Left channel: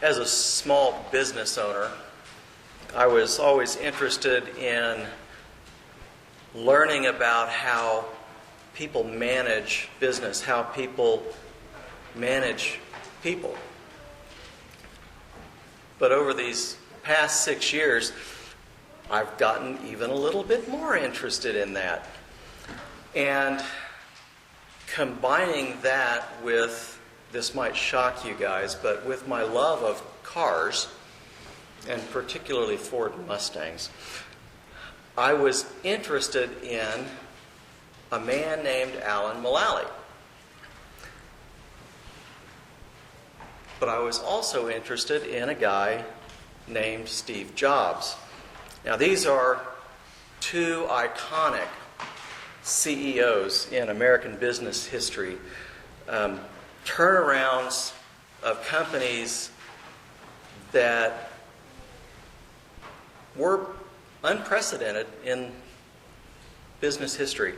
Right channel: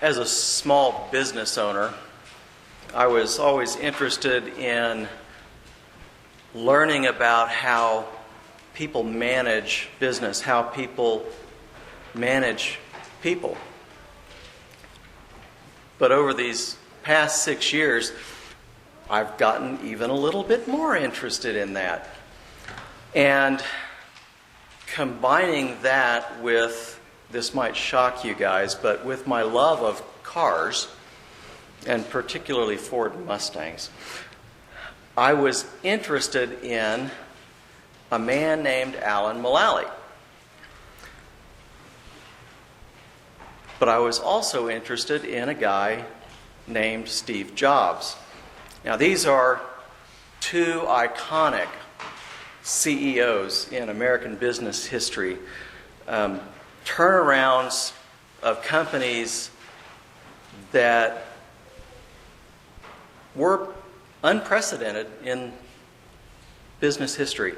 As a small business owner, I was always interested in learning about how people manage business, how people manage people. But over these past 6 years, I've gotten even a little bit more interested in that. And combining that with, this might shock you guys, but with my love of cars, and particularly Ford Mustangs, I was interested in a man named Alan Mulally. But I was also interested in a guy named Steve Jobs. Now, these are two iconic CEOs in American business history. Turnarounds of companies that were unprecedented in business history.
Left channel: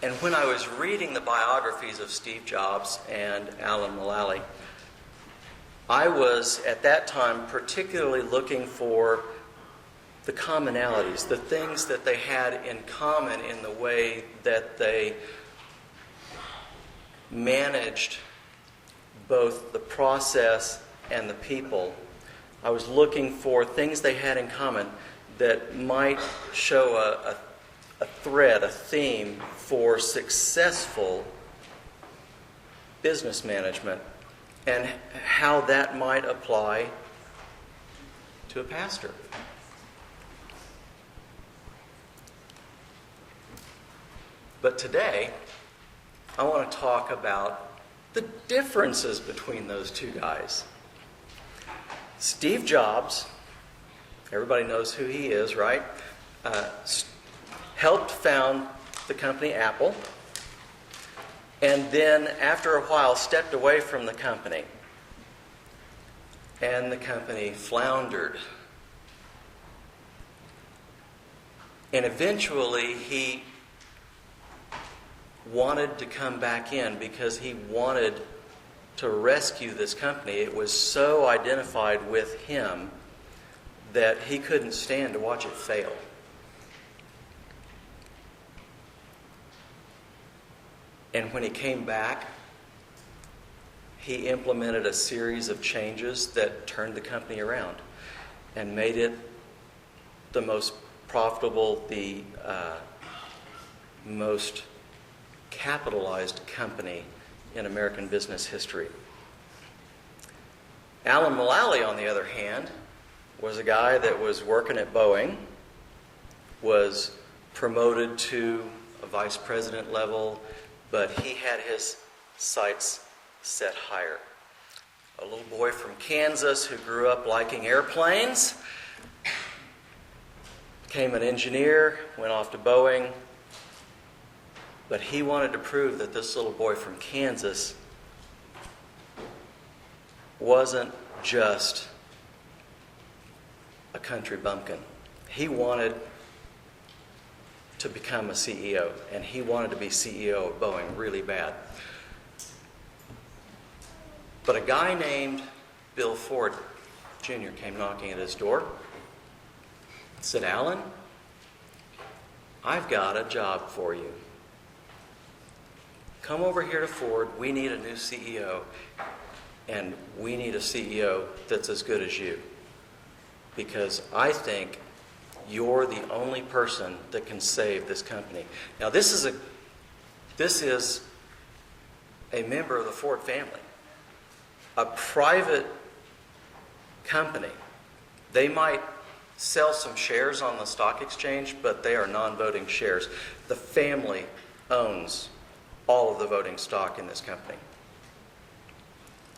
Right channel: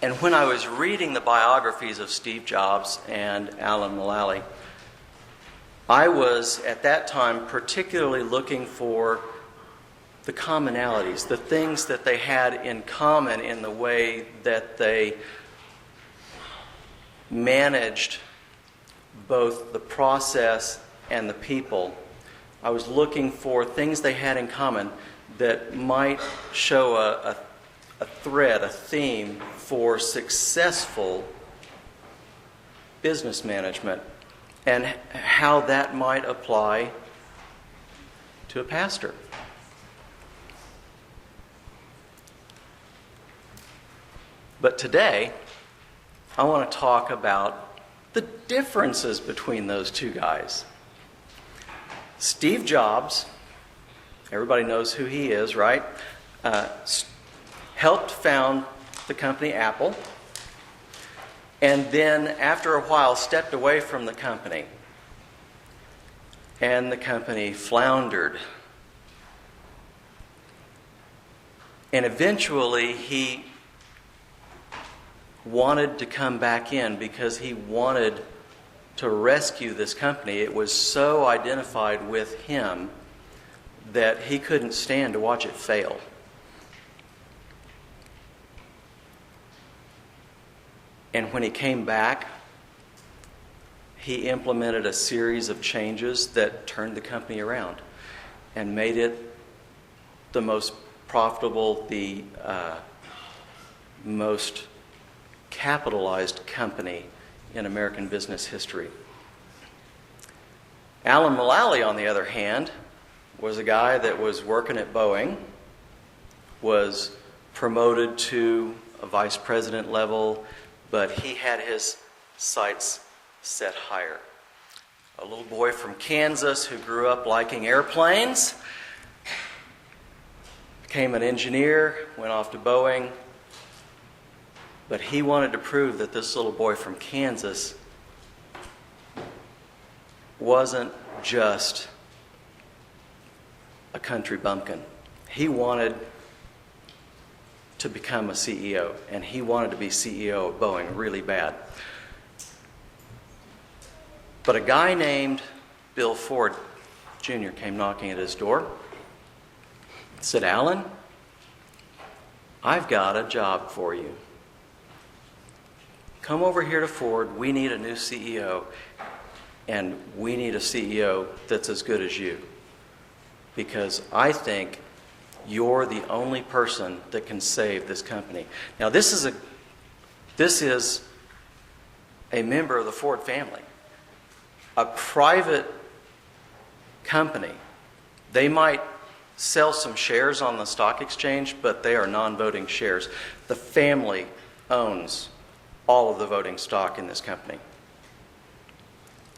And when I was reading the biographies of Steve Jobs and Alan Mulally, I was at that time particularly looking for the commonalities, the things that they had in common in the way that they managed both the process and the people. I was looking for things they had in common that might show a thread, a theme for successful business management, and how that might apply to a pastor. But today, I want to talk about the differences between those two guys. Steve Jobs, everybody knows who he is, right? Helped found the company Apple, and then after a while stepped away from the company. And the company floundered. And eventually he wanted to come back in because he wanted to rescue this company. It was so identified with him that he couldn't stand to watch it fail. And when he came back, he implemented a series of changes that turned the company around and made it the most profitable, the most capitalized company in American business history. Alan Mulally, on the other hand, was a guy that was working at Boeing, was promoted to a vice president level, but he had his sights set higher. A little boy from Kansas who grew up liking airplanes, became an engineer, went off to Boeing, but he wanted to prove that this little boy from Kansas wasn't just a country bumpkin. He wanted to become a CEO, and he wanted to be CEO of Boeing really bad. But a guy named Bill Ford Jr. came knocking at his door, said, "Alan, I've got a job for you. Come over here to Ford. We need a new CEO, and we need a CEO that's as good as you, because I think you're the only person that can save this company." Now, this is a member of the Ford family, a private company. They might sell some shares on the stock exchange, but they are non-voting shares. The family owns all of the voting stock in this company.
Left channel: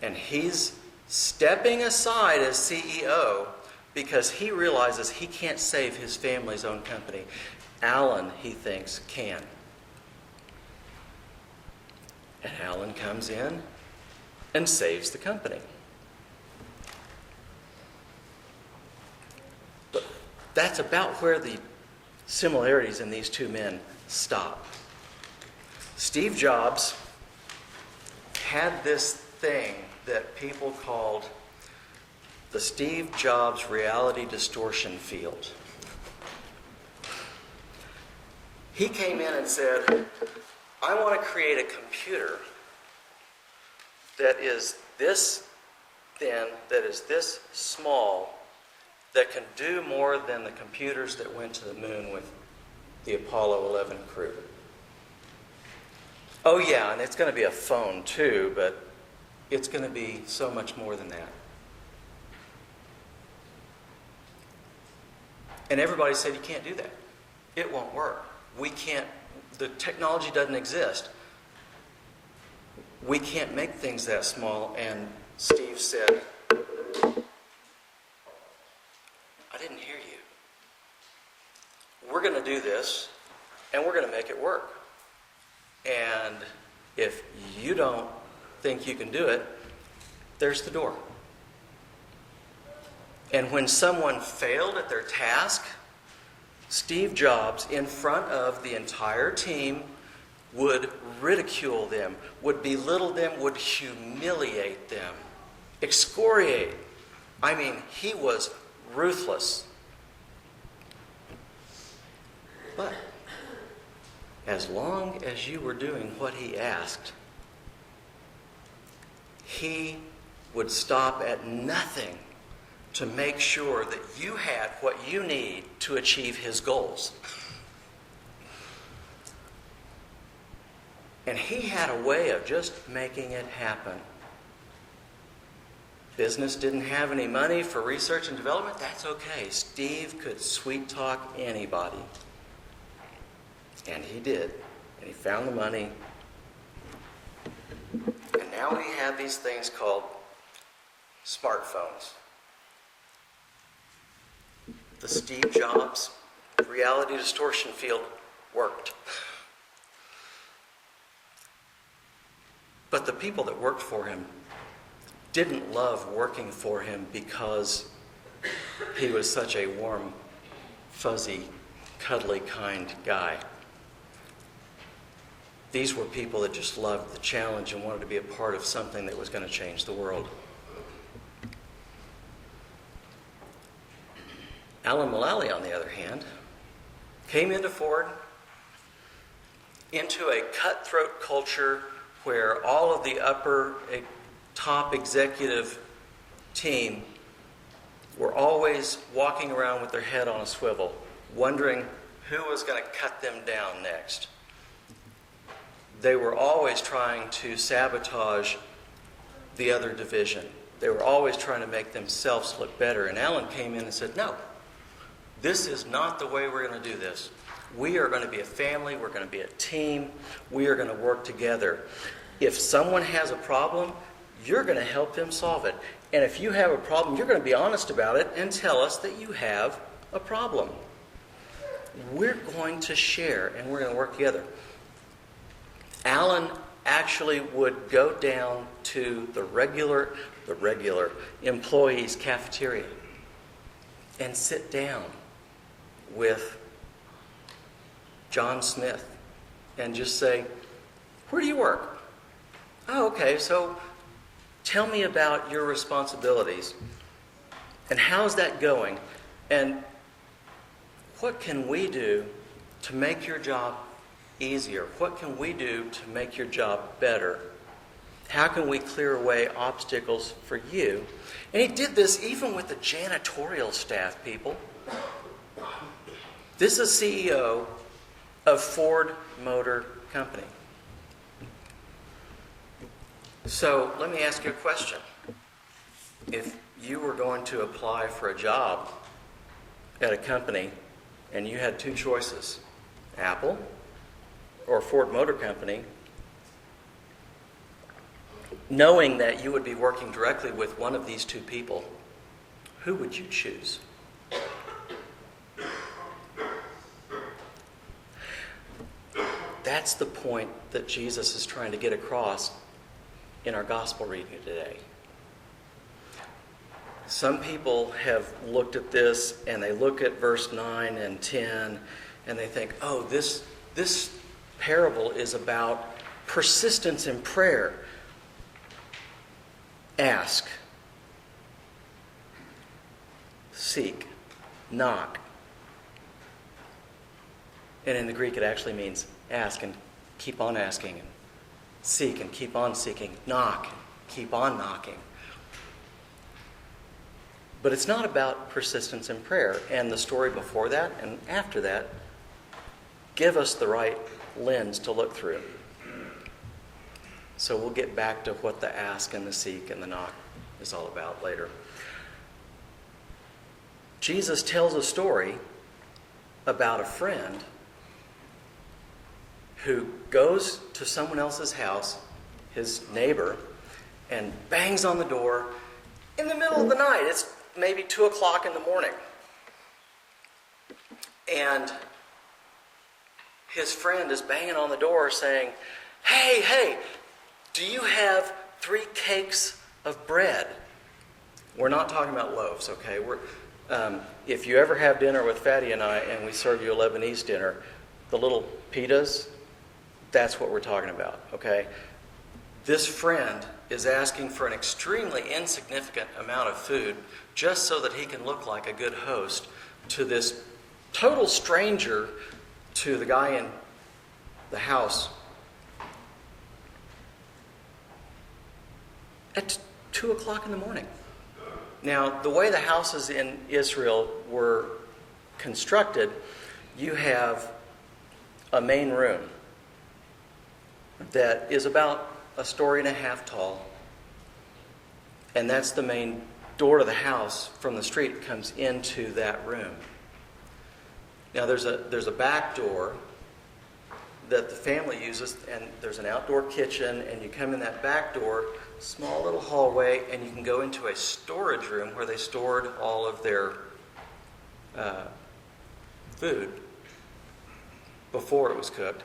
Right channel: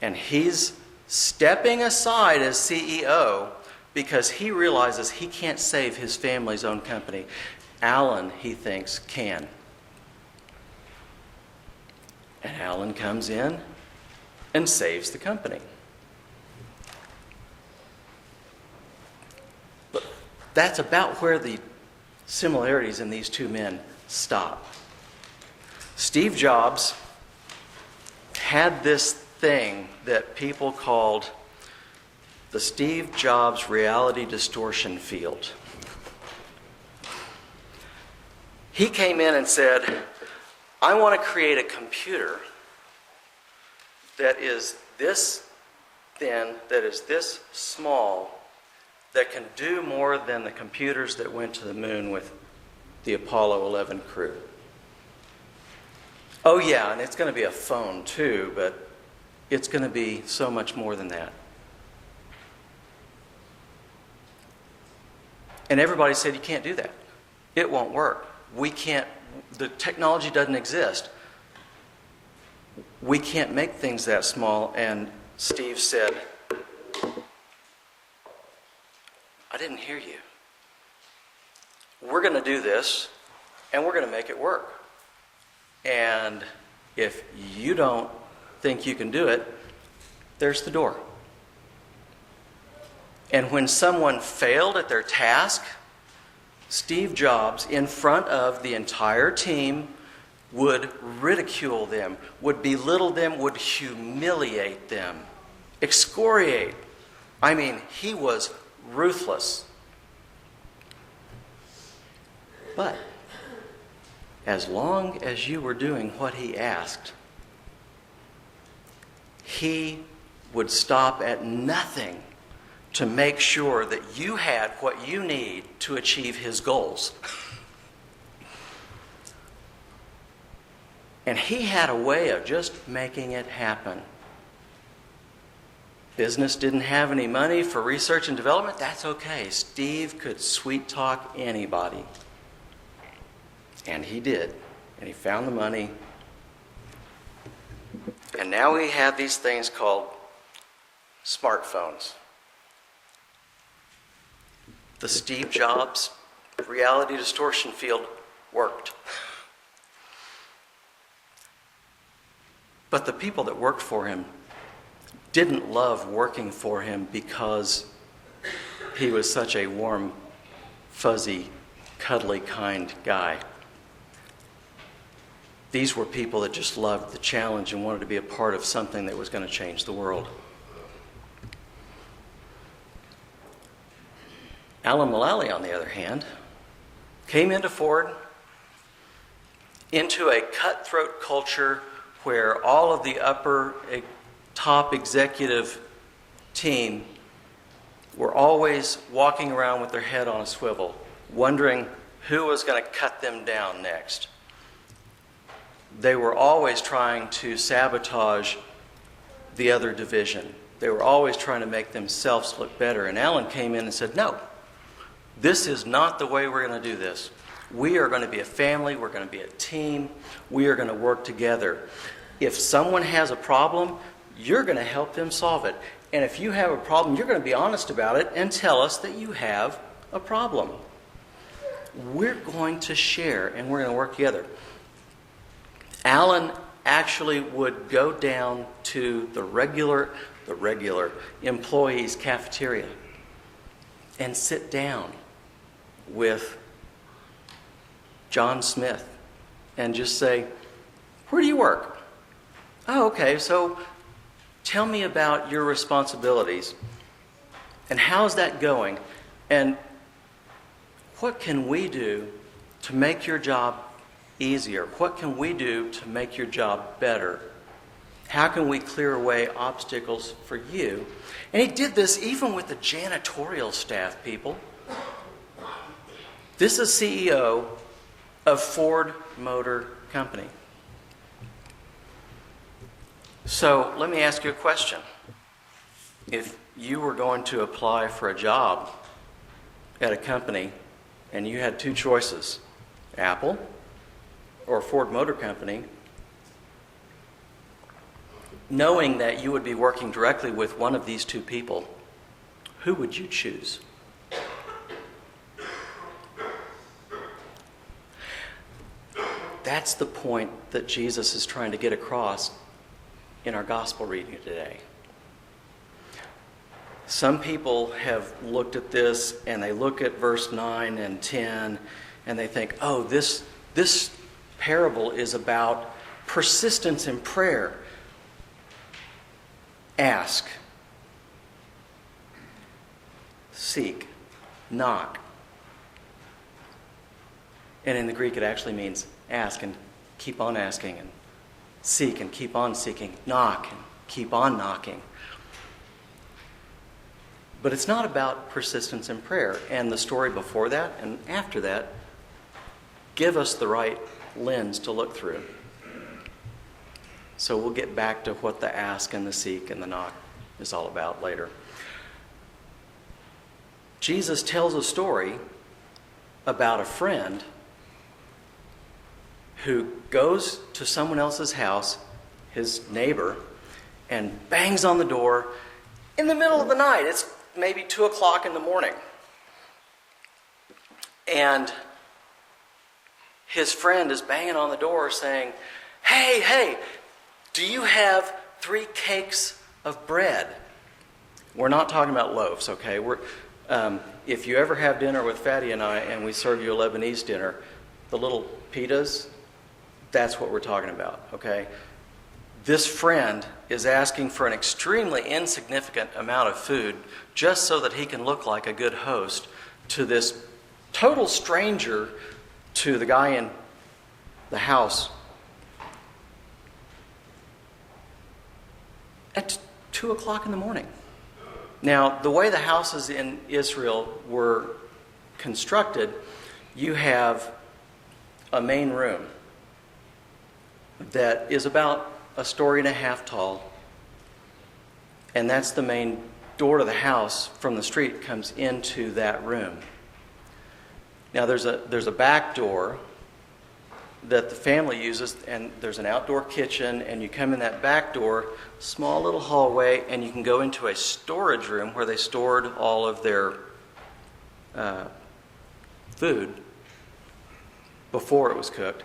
And he's stepping aside as CEO because he realizes he can't save his family's own company. Alan, he thinks, can. And Alan comes in and saves the company. But that's about where the similarities in these two men stop. Steve Jobs had this thing that people called the Steve Jobs reality distortion field. He came in and said, I want to create a computer that is this thin, that is this small, that can do more than the computers that went to the moon with the Apollo 11 crew. Oh yeah, and it's going to be a phone too, but it's going to be so much more than that. And everybody said, you can't do that. It won't work. We can't, the technology doesn't exist. We can't make things that small. And Steve said, I didn't hear you. We're going to do this, and we're going to make it work. And if you don't think you can do it, there's the door. And when someone failed at their task, Steve Jobs, in front of the entire team, would ridicule them, would belittle them, would humiliate them, excoriate. I mean, he was ruthless. But as long as you were doing what he asked, he would stop at nothing to make sure that you had what you need to achieve his goals. And he had a way of just making it happen. Business didn't have any money for research and development. That's okay. Steve could sweet talk anybody. And he did. And he found the money. And now we have these things called smartphones. The Steve Jobs reality distortion field worked. But the people that worked for him didn't love working for him because he was such a warm, fuzzy, cuddly, kind guy. These were people that just loved the challenge and wanted to be a part of something that was going to change the world. Alan Mulally, on the other hand, came into Ford, into a cutthroat culture where all of the top executive team were always walking around with their head on a swivel, wondering who was going to cut them down next. They were always trying to sabotage the other division. They were always trying to make themselves look better. And Alan came in and said, no, this is not the way we're going to do this. We are going to be a family. We're going to be a team. We are going to work together. If someone has a problem, you're going to help them solve it. And if you have a problem, you're going to be honest about it and tell us that you have a problem. We're going to share and we're going to work together. Alan actually would go down to the regular employees' cafeteria and sit down with John Smith and just say, where do you work? Oh, okay, so tell me about your responsibilities and how's that going? And what can we do to make your job easier? What can we do to make your job better? How can we clear away obstacles for you? And he did this even with the janitorial staff, people. This is CEO of Ford Motor Company. So let me ask you a question. If you were going to apply for a job at a company and you had two choices, Apple or Ford Motor Company, knowing that you would be working directly with one of these two people, who would you choose? That's the point that Jesus is trying to get across in our gospel reading today. Some people have looked at this and they look at verse 9 and 10 and they think, oh, this parable is about persistence in prayer. ask, seek, knock. And in the Greek, it actually means ask and keep on asking, and seek and keep on seeking, knock and keep on knocking. But it's not about persistence in prayer. And the story before that and after that give us the right lens to look through. So we'll get back to what the ask and the seek and the knock is all about later. Jesus tells a story about a friend who goes to someone else's house, his neighbor, and bangs on the door in the middle of the night. It's maybe 2 o'clock in the morning. And his friend is banging on the door saying, hey, do you have 3 cakes of bread? We're not talking about loaves, okay? If you ever have dinner with Fatty and I and we serve you a Lebanese dinner, the little pitas, that's what we're talking about, okay? This friend is asking for an extremely insignificant amount of food just so that he can look like a good host to this total stranger, to the guy in the house at 2 o'clock in the morning. Now, the way the houses in Israel were constructed, you have a main room that is about 1.5 stories tall, and that's the main door to the house from the street comes into that room. Now there's a back door that the family uses, and there's an outdoor kitchen, and you come in that back door, small little hallway, and you can go into a storage room where they stored all of their food before it was cooked.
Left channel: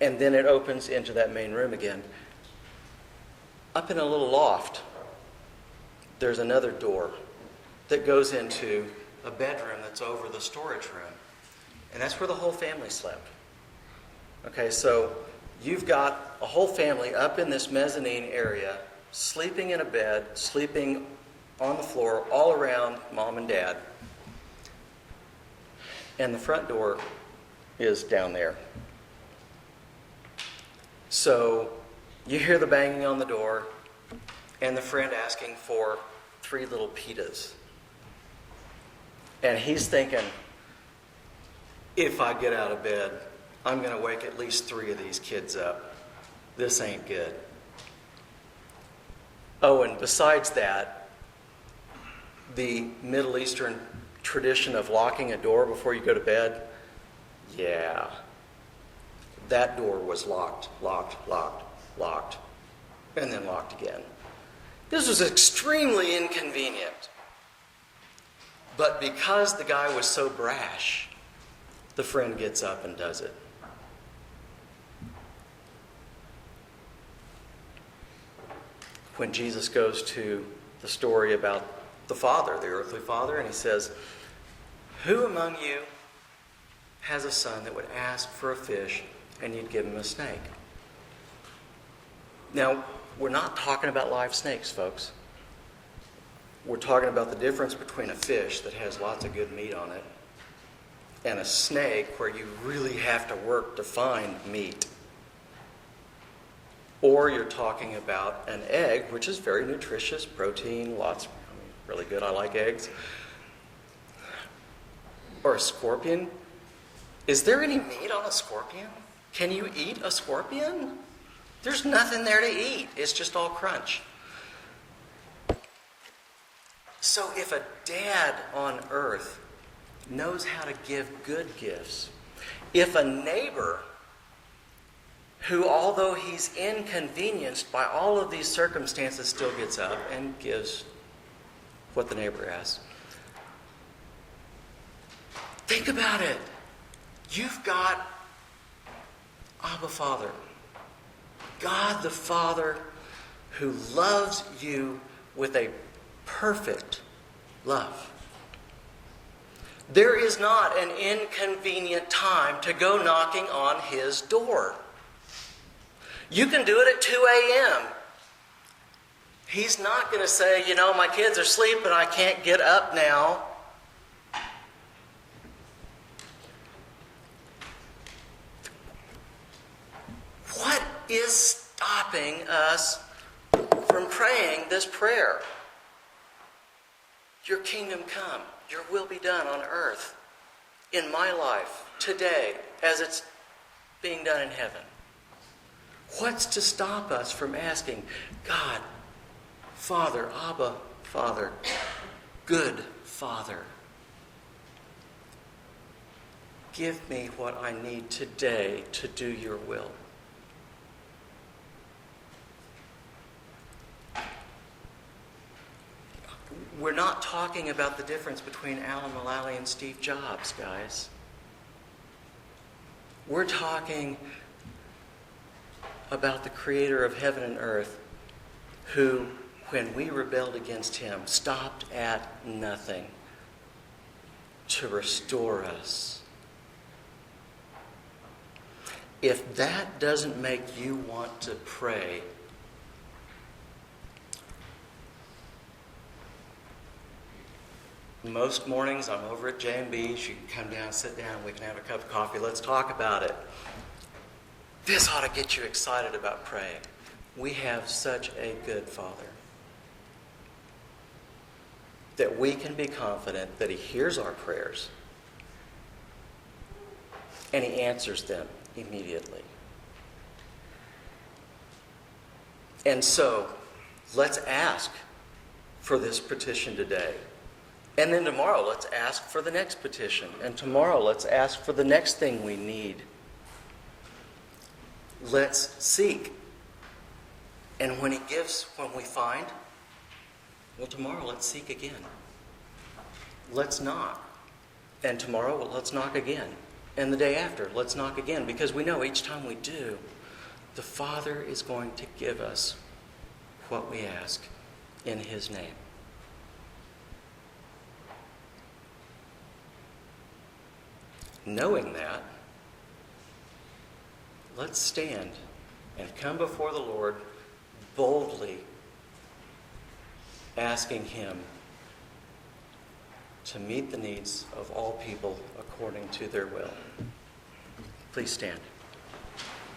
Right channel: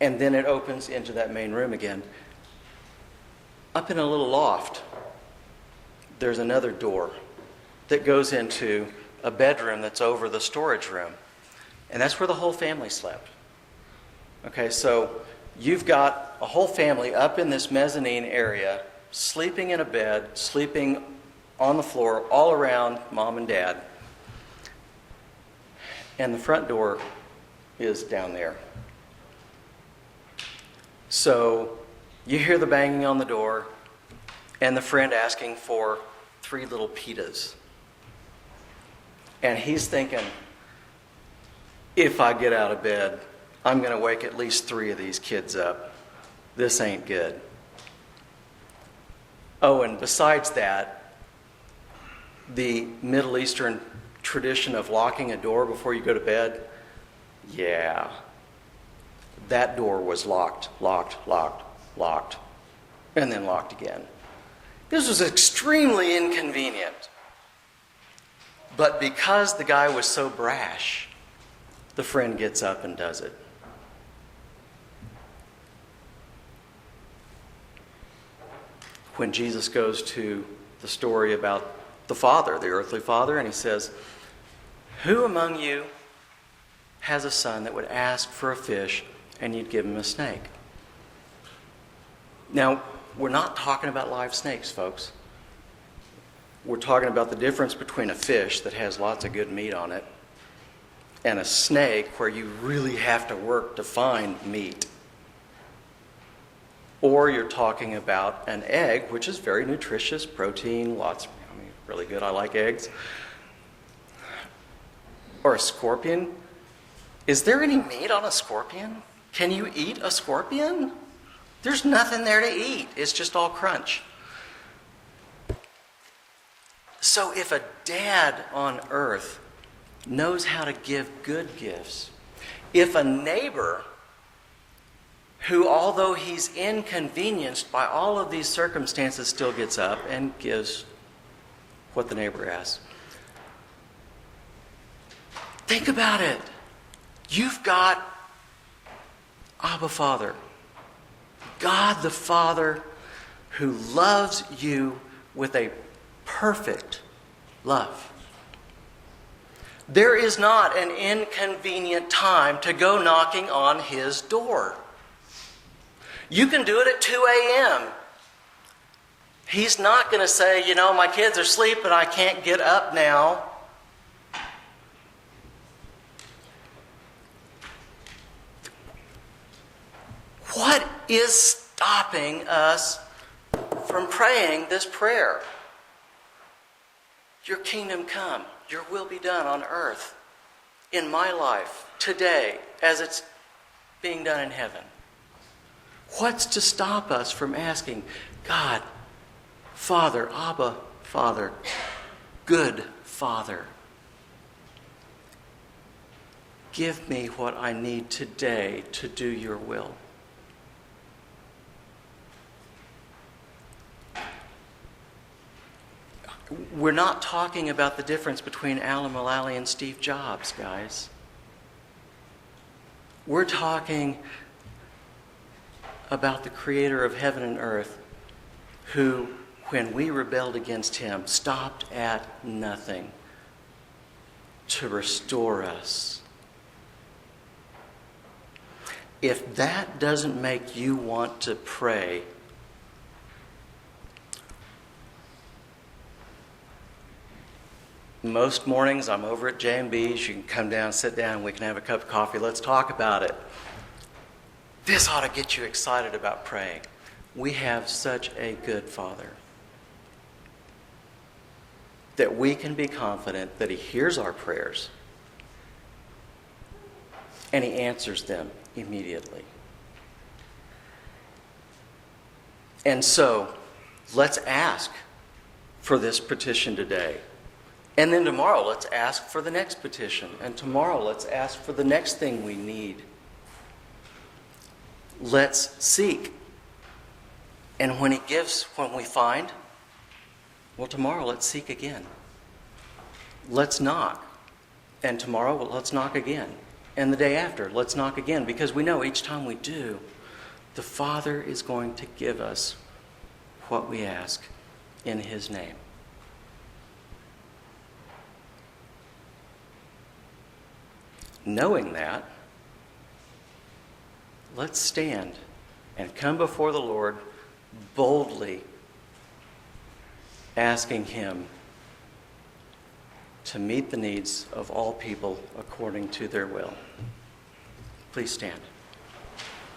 And then it opens into that main room again. Up in a little loft, there's another door that goes into a bedroom that's over the storage room. And that's where the whole family slept. Okay, so you've got a whole family up in this mezzanine area, sleeping in a bed, sleeping on the floor, all around mom and dad. And the front door is down there. So you hear the banging on the door and the friend asking for 3 little pitas. And he's thinking, if I get out of bed, I'm going to wake at least 3 of these kids up. This ain't good. Oh, and besides that, the Middle Eastern tradition of locking a door before you go to bed, yeah, that door was locked, and then locked again. This was extremely inconvenient. But because the guy was so brash, the friend gets up and does it. When Jesus goes to the story about the father, the earthly father, and he says, who among you has a son that would ask for a fish and you'd give him a snake? Now, we're not talking about live snakes, folks. We're talking about the difference between a fish that has lots of good meat on it and a snake where you really have to work to find meat. Or you're talking about an egg, which is very nutritious, protein, really good. I like eggs. Or a scorpion. Is there any meat on a scorpion? Can you eat a scorpion? There's nothing there to eat. It's just all crunch. So if a dad on earth knows how to give good gifts, if a neighbor who, although he's inconvenienced by all of these circumstances, still gets up and gives what the neighbor asks, think about it. You've got Abba Father, God the Father, who loves you with a perfect love. There is not an inconvenient time to go knocking on his door. You can do it at 2 a.m. He's not going to say, my kids are sleeping, I can't get up now. What is stopping us from praying this prayer? Your kingdom come, your will be done on earth, in my life, today, as it's being done in heaven. What's to stop us from asking, God, Father, Abba, Father, good Father, give me what I need today to do your will? We're not talking about the difference between Alan Mulally and Steve Jobs, guys. We're talking about the creator of heaven and earth who, when we rebelled against him, stopped at nothing to restore us. If that doesn't make you want to pray, most mornings I'm over at J&B's. You can come down, sit down, we can have a cup of coffee. Let's talk about it. This ought to get you excited about praying. We have such a good Father that we can be confident that He hears our prayers and He answers them immediately. And so, let's ask for this petition today. And then tomorrow, let's ask for the next petition. And tomorrow, let's ask for the next thing we need. Let's seek. And when He gives, when we find, well, tomorrow, let's seek again. Let's knock. And tomorrow, well, let's knock again. And the day after, let's knock again. Because we know each time we do, the Father is going to give us what we ask in His name. Knowing that, let's stand and come before the Lord boldly, asking Him to meet the needs of all people according to their will. Please stand.